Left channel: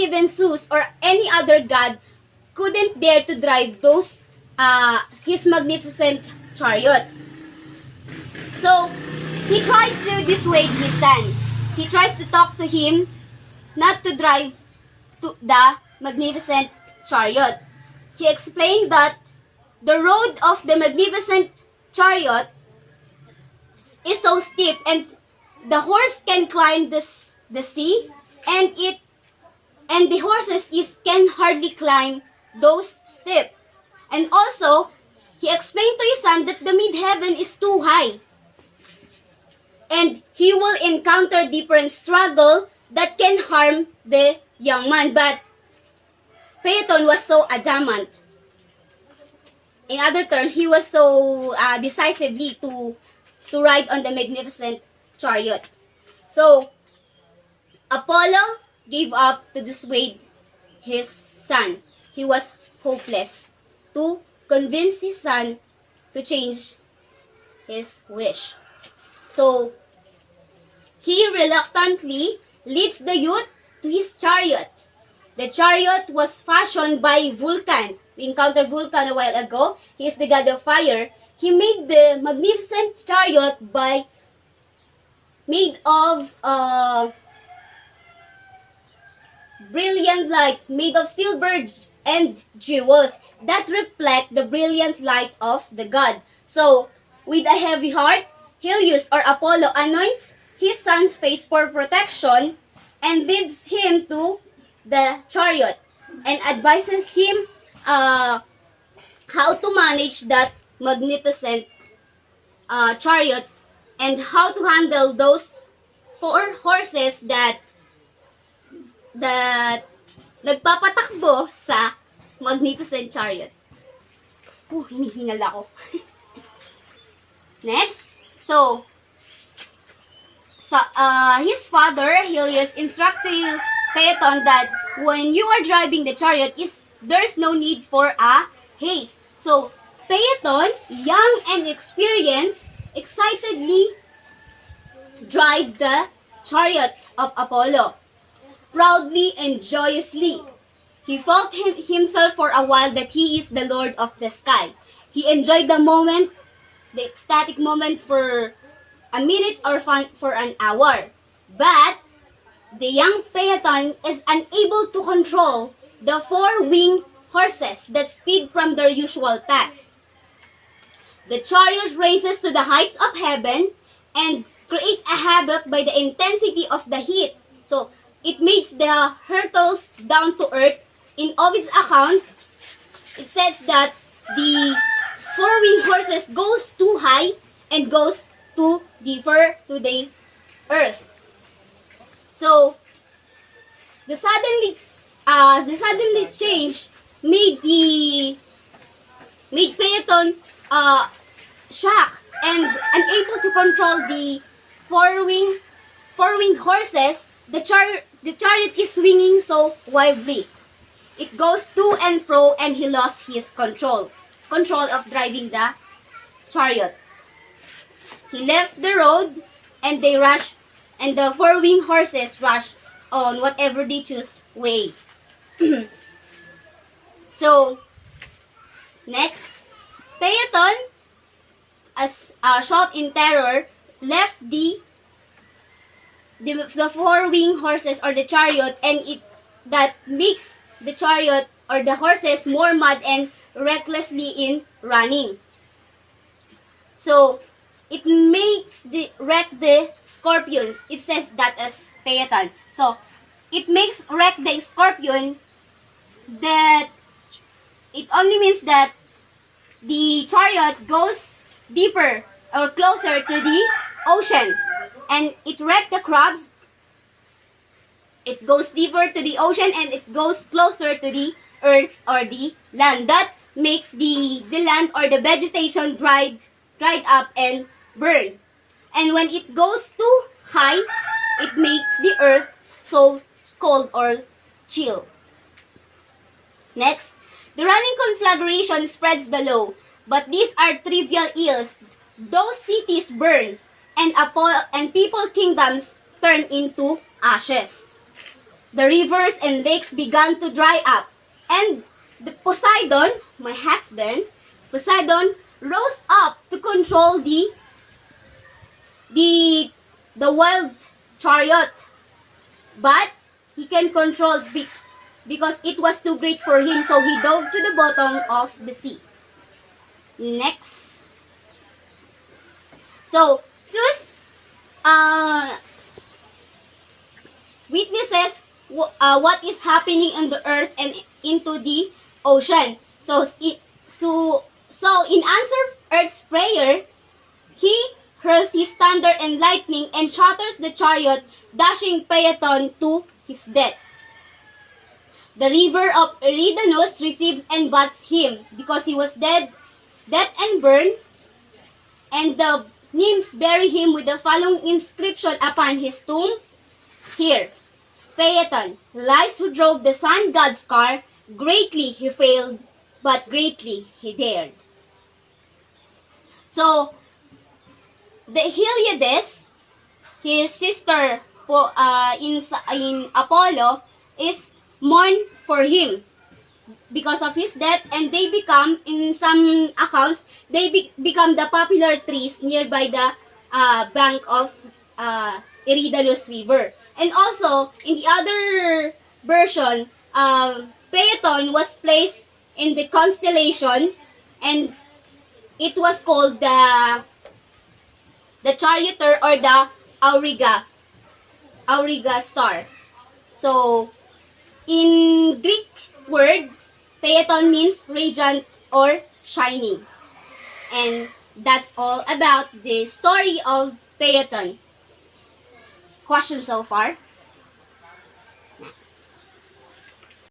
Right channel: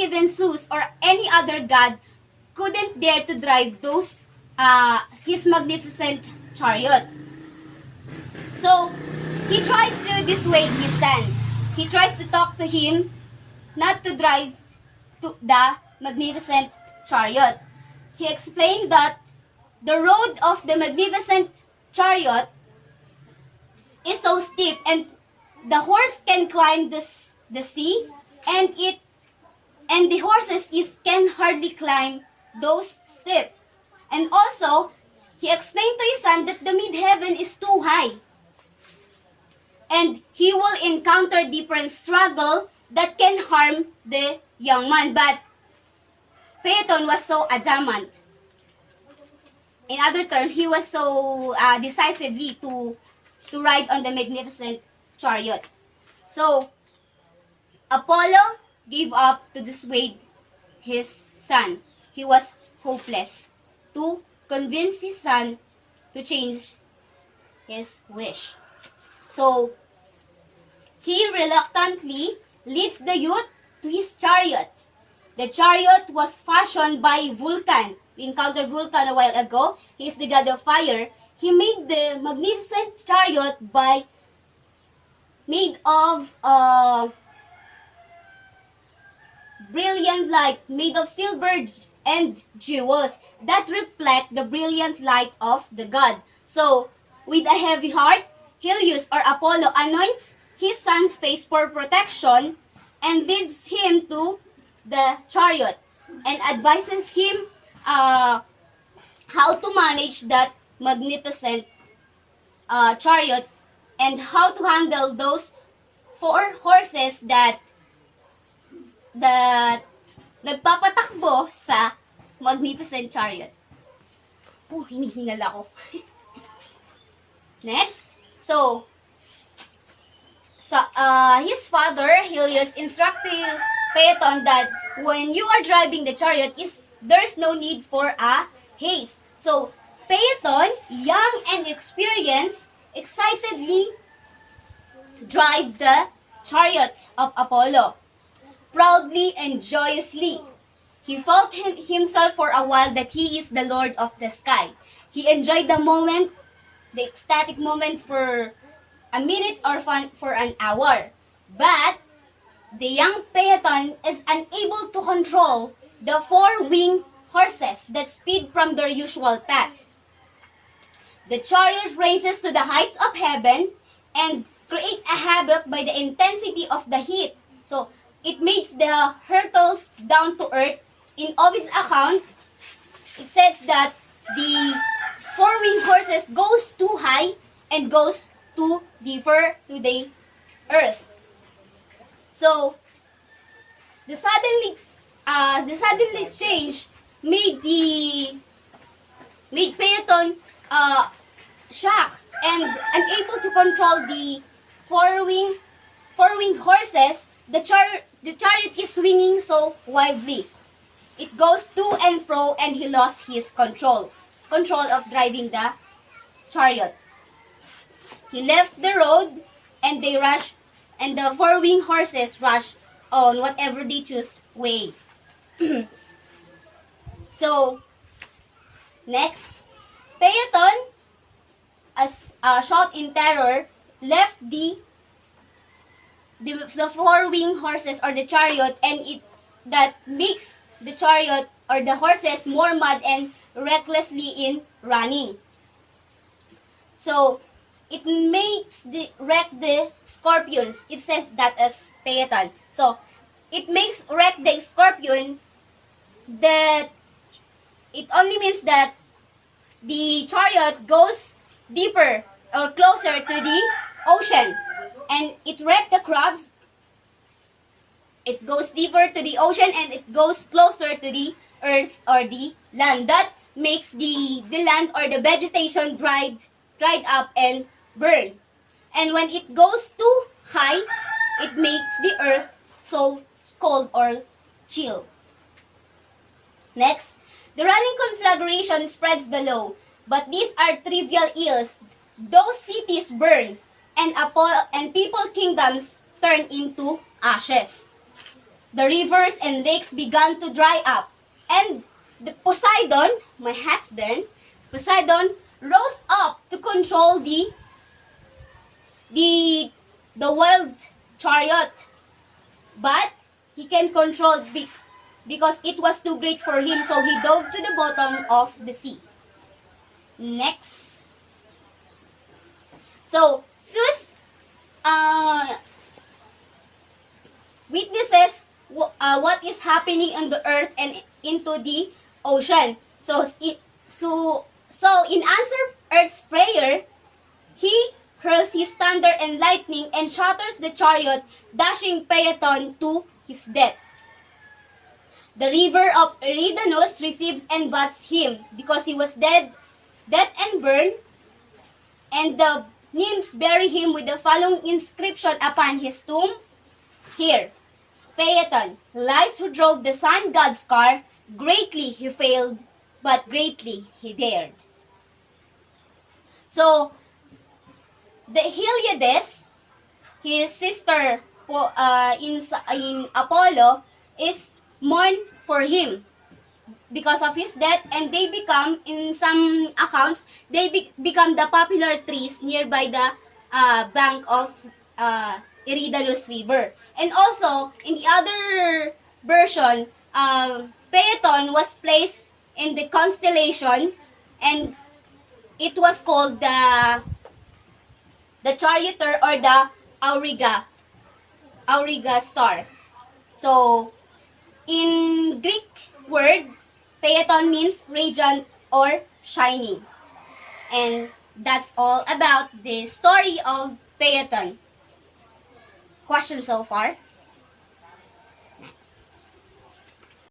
even Zeus or any other god couldn't dare to drive his magnificent chariot. So, he tried to dissuade his son. He tries to talk to him not to drive to the magnificent chariot. He explained that the road of the magnificent chariot is so steep and the horse can climb the sea and the horses can hardly climb those steep. And also, he explained to his son that the mid-heaven is too high. And he will encounter different struggle that can harm the young man. But Phaethon was so adamant. In other terms, he was so decisively to ride on the magnificent chariot. So, Apollo gave up to dissuade his son. He was hopeless to convince his son to change his wish. So, he reluctantly leads the youth to his chariot. The chariot was fashioned by Vulcan. We encountered Vulcan a while ago. He is the god of fire. He made the magnificent chariot made of brilliant light, made of silver and jewels that reflect the brilliant light of the god. So, with a heavy heart, Helios or Apollo anoints his son's face for protection and leads him to the chariot and advises him how to manage that magnificent chariot and how to handle those 4 horses that nagpapatakbo sa magnificent chariot. Hinihingal ako. Next. So, his father, Helios, instructed Phaethon that when you are driving the chariot, there's no need for a haste. So, Phaethon, young and experienced, excitedly drive the chariot of Apollo. Proudly and joyously, he felt himself for a while that he is the Lord of the sky. He enjoyed the moment, the ecstatic moment for a minute or for an hour. But the young Phaethon is unable to control the 4-winged horses that speed from their usual path. The chariot races to the heights of heaven and create a havoc by the intensity of the heat. So, it makes the hurtles down to earth. In Ovid's account, it says that the 4-winged horses goes too high and goes too deeper to the earth. So, the suddenly change made Phaethon shocked and unable to control the 4-winged horses. The chariot is swinging so wildly. It goes to and fro and he lost his control of driving the chariot. He left the road and the 4-winged horses rush on whatever they choose way. So, next, Phaethon, as shot in terror, left the 4-winged horses or the chariot, and that makes the chariot or the horses more mad and recklessly in running. So, it makes wreck the scorpions. It says that as Phaethon. So, it makes wreck the scorpion that it only means that the chariot goes deeper or closer to the ocean. And it wrecked the crabs. It goes deeper to the ocean and it goes closer to the earth or the land. That makes the land or the vegetation dried up and burn. And when it goes too high, it makes the earth so cold or chill. Next, the running conflagration spreads below, but these are trivial ills. Those cities burn, and people kingdoms turn into ashes. the rivers and lakes began to dry up. And the Poseidon, my husband, Poseidon rose up to control the wild chariot. But he can control because it was too great for him, so he dove to the bottom of the sea. Next. So, Zeus witnesses what is happening on the earth and into the ocean. So in answer Earth's prayer, he hurls his thunder and lightning and shatters the chariot, dashing Phaethon to his death. The river of Eridanus receives and bats him because he was dead and burned, and the nymphs bury him with the following inscription upon his tomb. Here, Phaethon lies who drove the sun god's car. Greatly he failed, but greatly he dared. So, the Heliades, his sister in Apollo, is mourned for him because of his death, and they become, in some accounts, they become the popular trees nearby the bank of Eridanus River. And also, in the other version, Phaethon was placed in the constellation, and it was called the charioteer or the Auriga star. So, in Greek word, Phaethon means radiant or shining. And that's all about the story of Phaethon. Questions so far?